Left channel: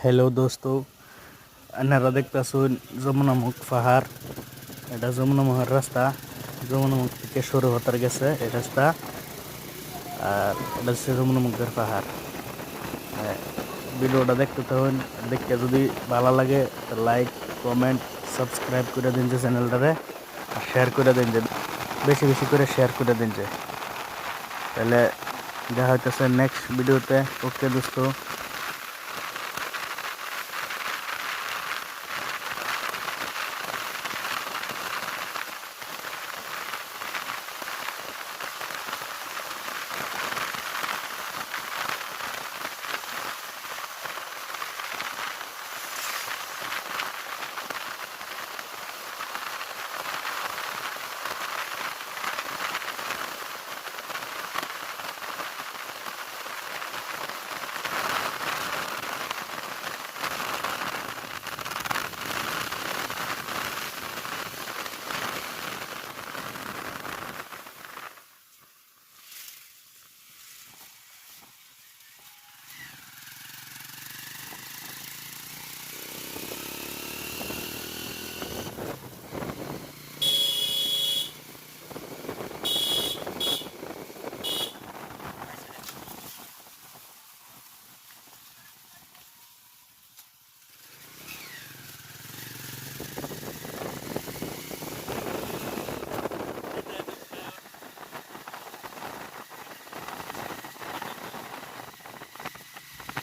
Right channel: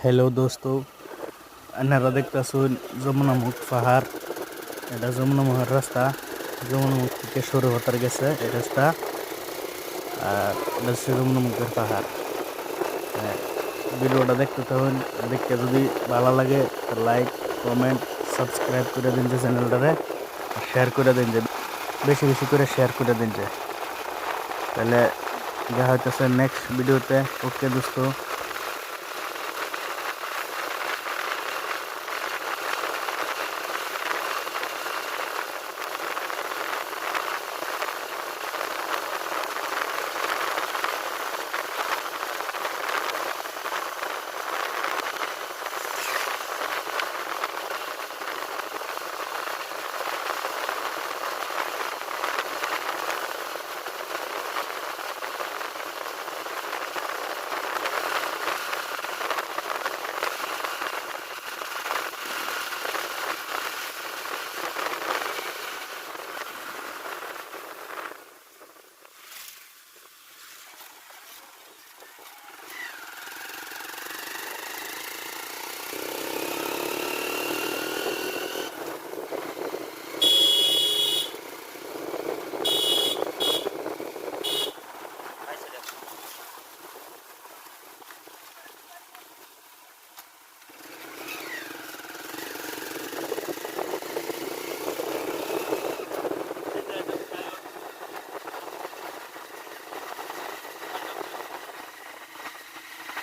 Hello দোস্ত, আপনারা দেখতেছেন যমুনামুখ পাহাড়। এটা যমুনামুখের রাস্তা। যমুনামুখ থেকে সরু হতার গেছে এই রাস্তা। আর এটা হচ্ছে যমুনামুখের পাহাড়। হ্যাঁ, ভিডিওটা দেখতে থাকুন। দেখতে যদি ভালো লাগে লাইক, কমেন্ট, সাবস্ক্রাইব করে দিন যে চ্যানেলটারে। আর শেয়ার করে দিন যে বেশি বেশি করে শেয়ার করে দিন যে। তাহলে দেখা হইতেছে নেক্সট ভিডিওতে। ওকে দোস্ত।